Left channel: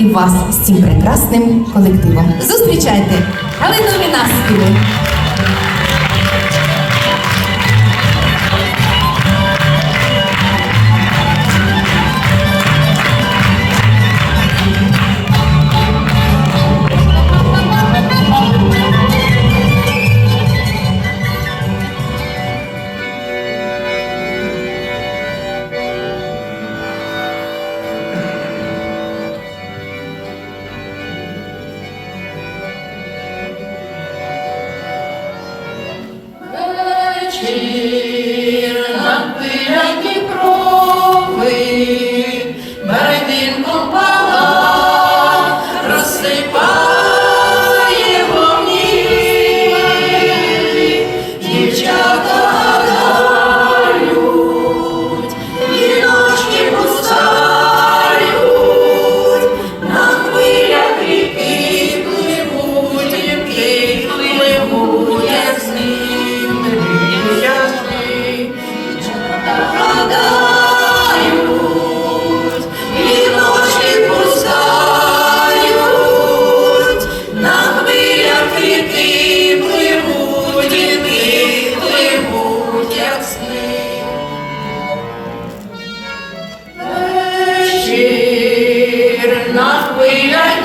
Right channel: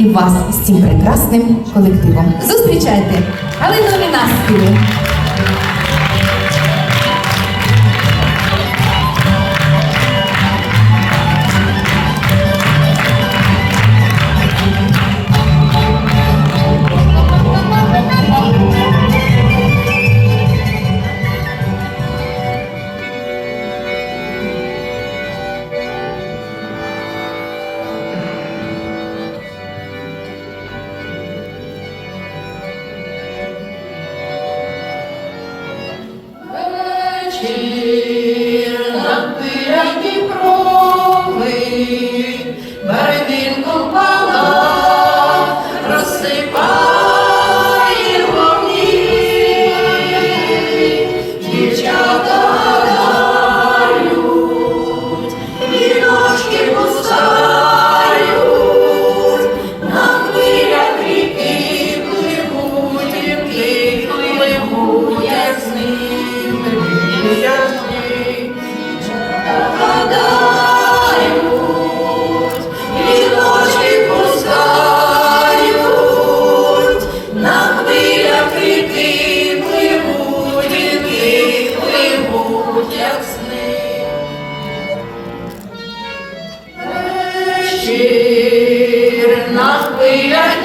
і вас з цим прекрасним колективом. Зустрічайте Галину Мінасківу. Щир над Дніпро, Amen.